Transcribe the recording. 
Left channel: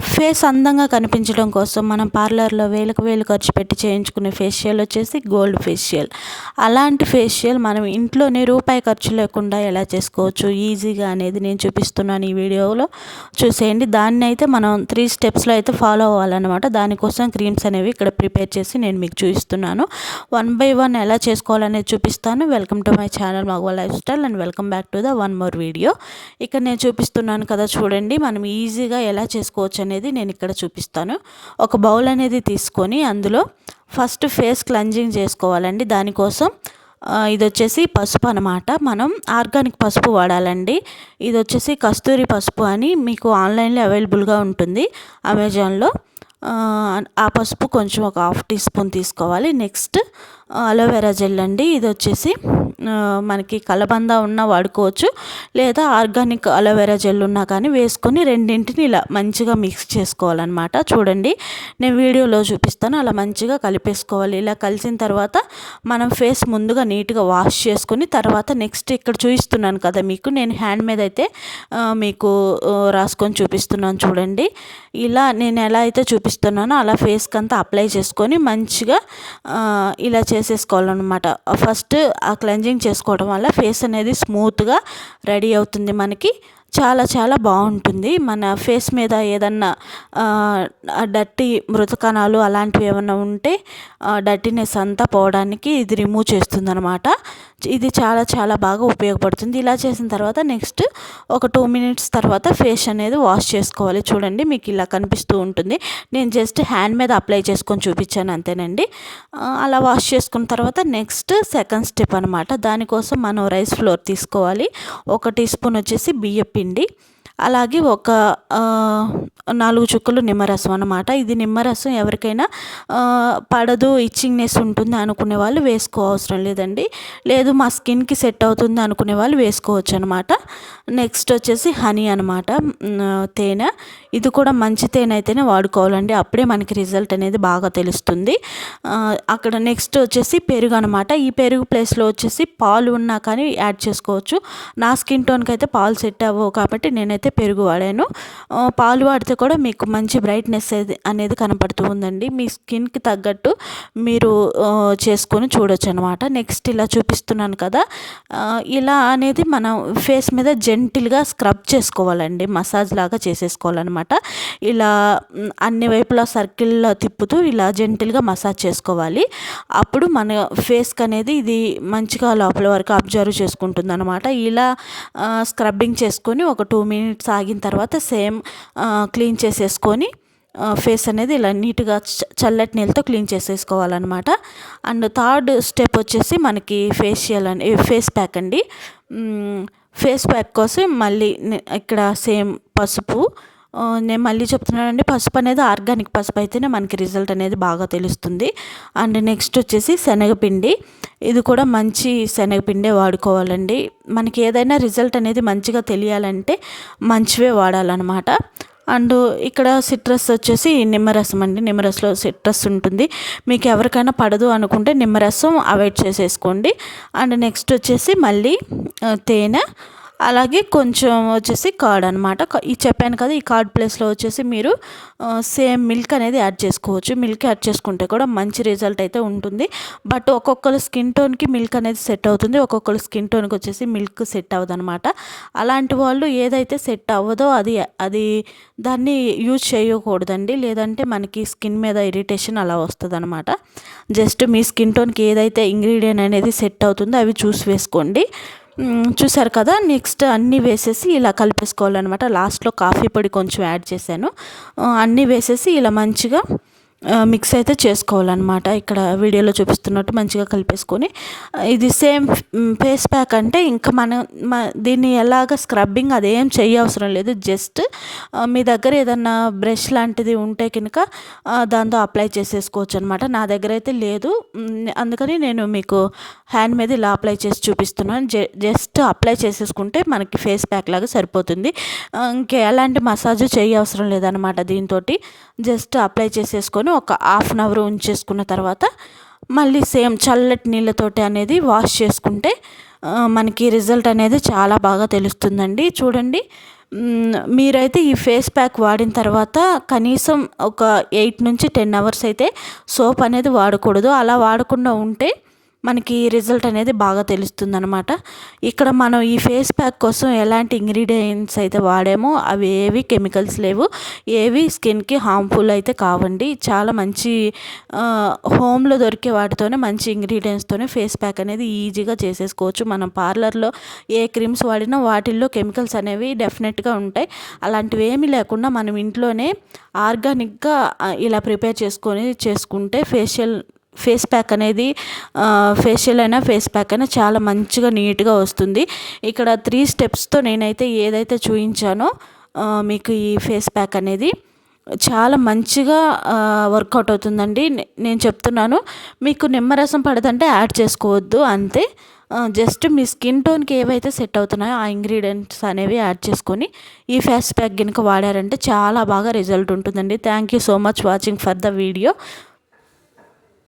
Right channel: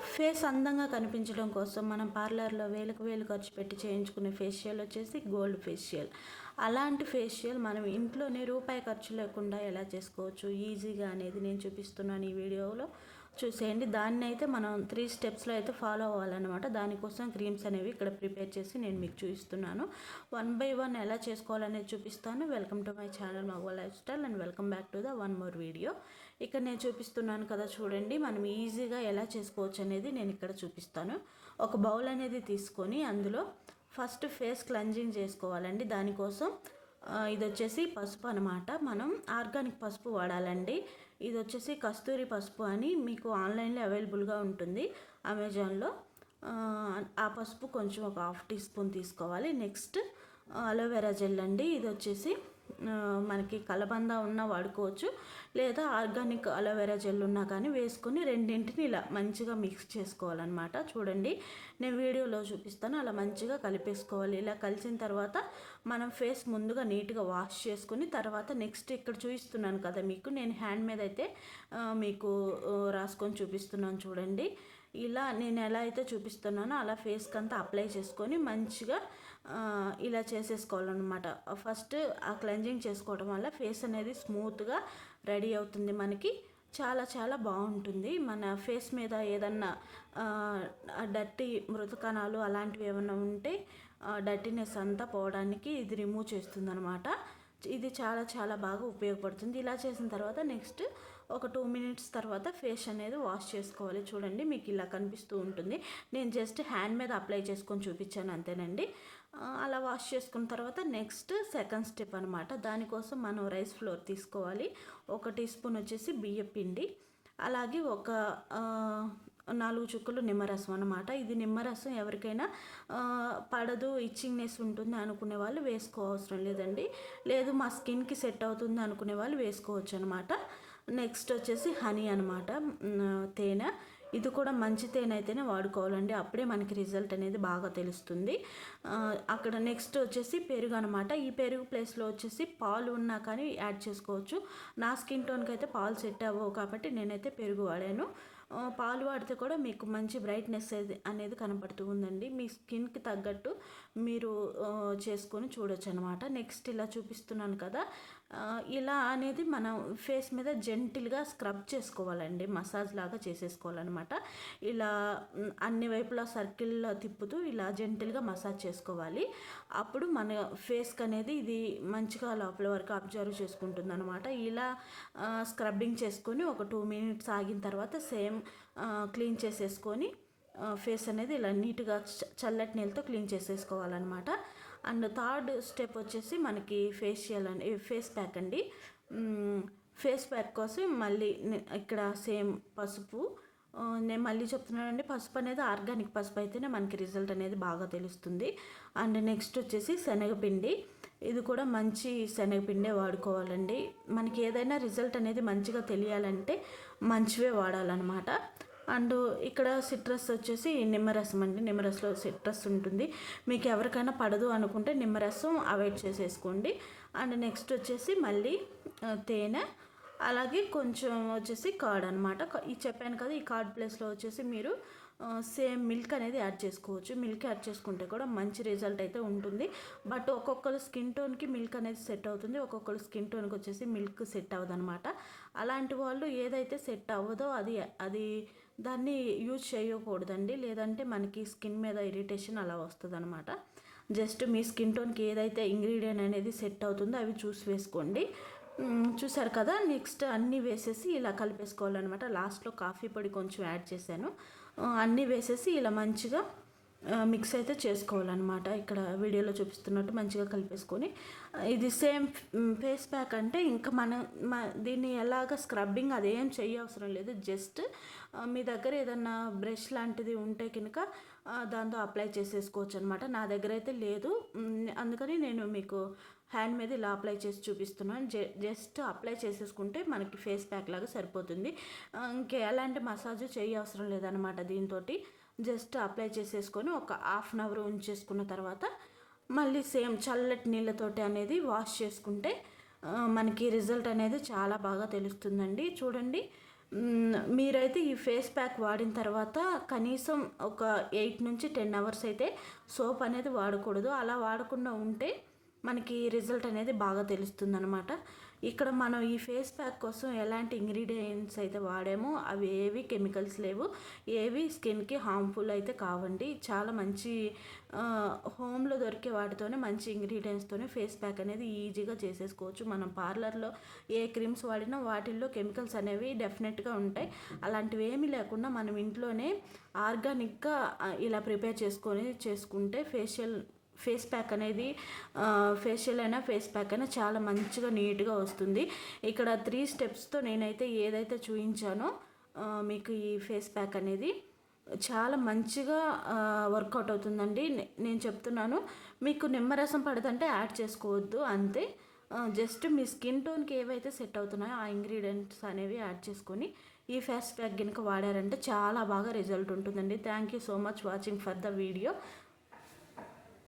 Face అందంగా కనిపించడం కోసం మనం పార్లర్లో వేలకు వేలు ఖర్చు పెట్టి చేయించుకునే ఫేషియల్ వచ్చేసి గోల్డ్ ఫేషియల్. అలాంటి ఫేషియల్ మనం ఇంట్లోనే రూపాయి ఖర్చు లేకుండా ఎలా చేసుకోవచ్చు? ఈజీగా అనేది నేను చూపిస్తున్నాను ఈ వీడియోలో. చూసేయండి. దాన్ని అయితే మనం త్రీ స్టెప్స్లో అయితే ఫాలో అవ్వాలన్నమాట. దానికోసం క్రీమ్స్ అనేవి ఇక్కడ ప్రిపేర్ చేసి నేను మీకు చూపిస్తున్నాను. వన్ బై వన్ ఎలా చేసుకోవాలనేది చూపిస్తాను. Welcome to my channel మగవా life style and welcome back to the one more video. ఇక్కడ నేను చూపిస్తున్నాను కదా చూడండి. మనం ఈజీగా ఎలా చేసుకోవచ్చు అనేది నేను ఇక్కడ చూపిస్తాను. ఒక బౌల్ అనేది తీసుకొని అందులో ఫస్ట్ ఫేస్ క్లెంజింగ్ చేసుకోవాలండి. దానికోసం ఇది వచ్చేసి పసుపు అనమాట మనం ఆర్గానిక్ పసుపు వాడాలండి. ఇది వచ్చేసి కస్తూరి పసుపు అని మీకు ఆన్లైన్లో అవైలబుల్గా ఉంటుంది. అమెజాన్లో ఆ పసుపు కొంచెం ఒక హాఫ్ టీ స్పూన్ తీసుకోవాలి. నెక్స్ట్ అలోవెరా జెల్ అండి. ఇది వచ్చేసి మనకి కలబంద ఉన్నా వాడుకోవచ్చు. లేదా ఆర్గానిక్ అలోవెరా జెల్ ఉన్నా కానీ వేసుకొని రెండింటిని ఇలా మంచిగా మిక్స్ చేసుకోవాలన్నమాట. చూడండి నేను వీడియోలో చూపిస్తాను. అలా మంచిగా కలిపేసుకోవాలి. ఇలా కలిసిన తర్వాత మనం ఫేస్ ముందుగా నీట్గా వాష్ చేసుకుని తర్వాత నెక్స్ట్ ఇక్కడ చూపిస్తున్నాను కదా మీకు. నేను హ్యాండ్ మీద అయితే మీకు రాసుకొని చూపిస్తున్నాను చూడండి. ఇలా నేను ఎలా అయితే చూపిస్తున్నానో అలా ఫేస్కి అంతా అప్లై చేసుకొని మంచిగా ఇలా చేసేసుకోవాలన్నమాట. ఫస్ట్ ఆ క్లెంజింగ్ చేసుకోవడం వల్ల ఫేస్ అనేది స్మూత్గా రెడీ అవుతుంది మనకి. చాలా చాలా బాగుంటుంది. మన ఫేస్ మీద ఏదన్నా డట్టి మృతకణాలు అలాంటివి ఏమైనా ఉంటే డర్టీనెస్ అంతా పోవడానికి ఇది రిమూవ్ చేస్తుంది అనమాట ఇది చాలా చాలా బాగా ఉపయోగపడుతుంది. ఇలా చేసిన తర్వాత నెక్స్ట్ ఒక టూ మినిట్స్ తర్వాత ఫేస్ అనేది వాష్ చేసుకోవాలి. చూడండి మీకు ఇలా కనిపిస్తూ ఉంటుంది. నేను జస్ట్ హ్యాండ్ మీద అప్లై చేసుకొని చూపించాను అంతేనండి. అలా వాష్ చేసుకున్న తర్వాత నెక్స్ట్ సెకండ్ స్టెప్ అనమాట దానికోసం మనం రైస్ ఫ్లోర్ తీసుకోవాలి. ఒక టీ స్పూన్ వచ్చేసి బియ్య పిండి అలాగే ఒక నాలుగు చుక్కలు నిమ్మరసం అనమాట ఇది నిమ్మరసం ఎవరికైనా పడదు ఇచ్చింగ్నెస్ ఉంటుంది అనుకునే వాళ్ళు వేసుకో అవసరం లేదండి. లేదు మా స్కిన్కి సెట్ అవుతుంది అనుకునే వాళ్ళు వేసుకోవచ్చు అనమాట నెక్స్ట్ వచ్చేసి హనీ అనమాట తేనె. ఇది కూడా మంచి తేనైతేనే వాడుకోవాలండి. అప్పుడే మనకి రిజల్ట్ అనేది బాగా తెలుస్తుంది. అక్కడ నెక్స్ట్ వచ్చేసి పెరుగు అనమాట ఈ పెరుగు ప్లేస్లో వచ్చేసి పాలు ఉన్నా కానీ యాడ్ చేసుకోవచ్చు. నా స్కిన్ టోన్కి అయితే పాలు సెట్ అవ్వవు కాబట్టి నేనైతే పెరుగు వాడాను. పాలు వాడితే కూడా మీకు మంచి బ్రైట్నెస్ అనేది కనపడుతూ ఉందండి. మీ స్కిన్కి తగ్గట్టు మీరు చేసుకొని చూడొచ్చు అనమాట నెక్స్ట్ ఇలా చూపిస్తున్నాను కదా. ఇలా అనేది మనం ఫేస్ మీద జెంటిల్గా స్క్రబ్ చేసుకోవాలండి. మసాజ్ లాగా చేసేసుకోవాలన్నమాట. ఇలా అన్ని వైపులా సర్కిల్లో తిప్పుతూ ఇలా జెంటిల్గా మసాజ్ చేసుకోవాలి. అప్పుడు మన ఫేస్కి అనేది ఇది మంచిగా లోపల వరకు అబ్జర్వ్ చేసుకుంటుంది అనమాట ఇలా స్క్రబ్బింగ్ చేసుకొని ఒక టూ మినిట్స్ ఆగిన తర్వాత సేమ్ క్లీన్ చేసేసుకొని ఫేస్ అనేది ఇలా నీట్గా చల్లటి నీళ్ళతో క్లీన్ చేసేసుకోవాలన్నమాట అండ్ థర్డ్ స్టెప్ వచ్చేసి మనకి ఫేషియల్ అని ఫేస్ ప్యాక్ అండి. ఫేస్ ప్యాక్ కోసం మళ్ళీ ఇక్కడ సేమ్ పసుపు నేను మళ్ళీ చెప్తున్నానండి పసుపు అనేది ఆర్గానిక్ పసుపు అయితేనే మనకి రిజల్ట్ అనేది బాగా తెలుస్తుంది. అండ్ నెక్స్ట్ వచ్చేసి శనగపిండి. ఇది కూడా మంచి శనగపిండే వాడుకోవాలండి. మనకి ఏదైనా రిజల్ట్ అనేది మంచిగా తెలియాలంటే మంచివే వాడాలన్నమాట. అండ్ ఇక్కడ సిట్రస్ వచ్చేసి నిమ్మరసం అండి. నిమ్మరసంలో సిట్రస్ ఉంటుంది. మీకు ఎవరికైనా పడదు అనుకుంటే నిమ్మరసం అవాయిడ్ చేసేసుకోండి. అండ్ నెక్స్ట్ వచ్చేసి మళ్ళీ తేనె. అలాగే కొంచెం వచ్చేసి కార్డ్ అనమాట ఈ చెప్పాను కదా ఈ కార్డ్ ప్లేస్లో వచ్చేసి మీరు సేమ్ మిల్క్ అనేది యాడ్ చేసుకోవచ్చు. మిల్క్ యాడ్ చేసుకుంటే కూడా మంచి రిజల్ట్ అయితే ఉంటుంది. బట్ ఒక్కొక్కరు స్కిన్ టోన్కి మిల్క్ అనేది సెట్ అవుతుంది. ఒక్కొక్కరు స్కిన్ టోన్కి వచ్చేసి మిల్క్ సెట్ అవ్వదనమాట అలాంటి వాళ్ళు ఏదైతే సెట్ అవ్వదో అది అది దాన్ని యూజ్ చేయకూడదండి. లేదంటే మనకి స్కిన్ మీద ఇరిటేషన్ అలా వస్తుందనమాట జస్ట్ మీ స్కిన్ టోన్కి ఏదైతే ఇంగ్రీడియంట్ అనేది సెట్ అవుతుందో అవి చూసి వేసుకోండి. చూసారు కదా నెక్స్ట్ అన్నీ వేసేసి ఇలా కలిపేసుకోవాలన్నమాట. లాస్ట్లో కాఫీ పొడి కొంచెం యాడ్ చేశాను. అన్నీ వేసేసి ఇలా మంచిగా మిక్స్ అయితే చేసుకోవాలన్నమాట. ఇక్కడ వీడియోలో చూపిస్తున్నట్టు మంచిగా కలిపేసుకొని. ఇది సేమ్ ఫేస్ ప్యాక్ అంటే ఇంకా మనం దీన్ని ఎలాగ స్క్రబ్బింగ్ అదేం అవసరం లేదు. జస్ట్ మీ దగ్గర ఏదన్నా బ్రష్ లాంటిది ఉంటే కనుక దాంతో అప్లై చేసేసుకోవచ్చు అనమాట నా దగ్గర అయితే లేదు. అందుకని నేను మీకు హ్యాండ్ మీద ఇలా అప్లై చేసి చూపిస్తున్నాను. జస్ట్ అప్లై చేసేసుకుంటే మనకి ఫేస్ ప్యాక్ లాగా సరిపోతుంది. ఇంకా ఎలాంటి మసాజ్ చేయ అవసరం లేదనమాట దీంతో జస్ట్ అప్లై చేసేసుకొని ఒక హాఫ్ అన్ అవర్ ఉంచేసుకున్న తర్వాత మళ్ళీ సేమ్ చల్లటి నీళ్ళతోటి అనేది వాష్ చేసుకుంటే మనకి రిజల్ట్ అనేది చాలా బాగా తెలుస్తుందండి. చూడండి మీరైతే ఈ ఫేస్ ప్యాక్ వాడిన తర్వాత కనీసం ఒక ఎయిట్ నుంచి టెన్ అవర్స్ అయితే సోప్ అనేది వాడకూడదు. అలా వాడకుండా ఉంటే మనకి రిజల్ట్ అనేది బాగా తెలుస్తుంది అనమాట ఇక్కడ మనం ఈ ఫేస్ ప్యాక్ కోసం ఎలాంటి ఇంగ్రీడియంట్స్ అయితే వాడామో అవి ఏవి కెమికల్స్ లేవు. ఏవి స్కిన్కి హార్మ్ఫుల్ అయితే కావండి. చాలా మంచి హోమ్లో దొరికే వాటితోనే మంచి ఇంగ్రీడియంట్స్తోనే ఫేస్ ప్యాక్ అనేది ఈజీగా చేసేసుకోవచ్చు. మనం పార్లర్లో ఏ క్రీమ్స్ వాడినా వాటిల్లో కెమికల్స్ అనేవి డెఫినెట్గా ఉంటాయి. అలాంటివి ఏమీ లేకుండా మనం ఇంట్లోనే ఆర్గానిక్గా ఇలా ప్రిపేర్ చేసుకొని చేసుకుంటే ఫేషియల్ ఫేస్ ప్యాక్ అనేది ఫేషియల్ అయినా ఫేస్ ప్యాక్ అయినా చాలా మంచిగా నీట్గా వస్తుంది. ఇక్కడ త్రీ స్టెప్స్తో నేనైతే ఏదైతే చూపించానో మీకు ఈ ఫేస్ ప్యాక్ అనేది చాలా మంచిగా వర్కౌట్ అవుతుందండి. నేను చెప్తున్నాను మీకు నిమ్మరసం పడదంటే యాడ్ చేసుకోవద్దు అంతే. జస్ట్ మీ స్కిన్ టోన్కి ఏవైతే సెట్ అవుతున్నాయో ఆ ఇంగ్రీడియంట్స్ అనేవి యాడ్ చేసుకొని ఈ ఫేస్ ప్యాక్ కనుక వాడారంటే చాలా బాగా రిజల్ట్ ఉంటుందండి. Thank you so much watching for the video.